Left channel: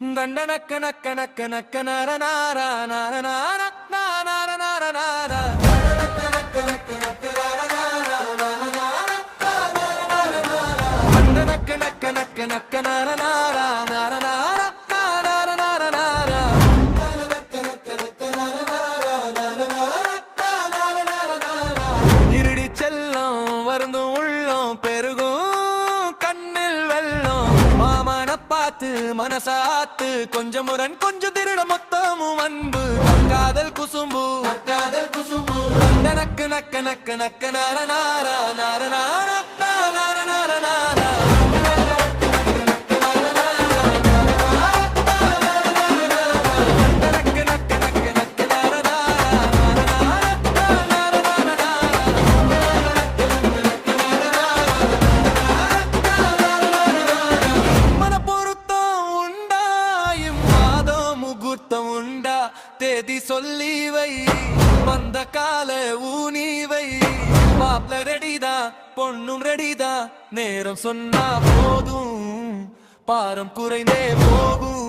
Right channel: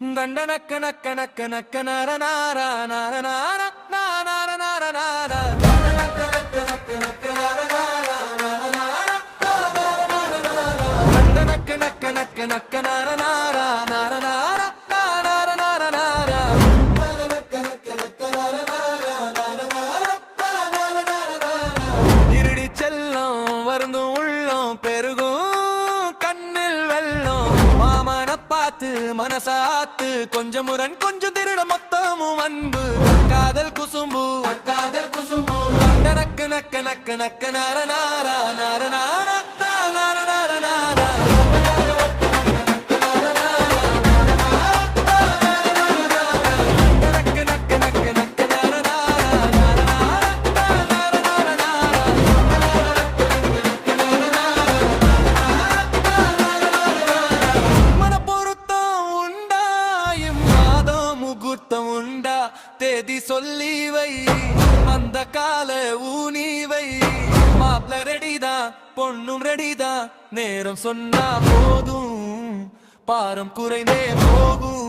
தண்டனக்க நக்க நக்க நக்க நர நார நார நார நார நார நார தண்டனக்க நக்க நக்க நக்க நர நார நார நார நார நார நார இருடி செல்லம் வருந்தும் உள்ளம் பெருகும் கண்ணில் வெள்ளம் மாமன பார்த்து மனசாத்து கொஞ்சம் முரண் கொஞ்சம் திருட மொத்தமும் அன்பு காதல் குசும்பு நக்கு நக்க நக்க நக்க நார நார நார நார நார நார நார உண்டா தேதி சொல்லி வை வந்த கால ஊனி வை மாப்ள ரெடிதா பொண்ணும் ரெடிதா நேரம் சொன்னா போதும் பாரம் குறைந்தே போகும்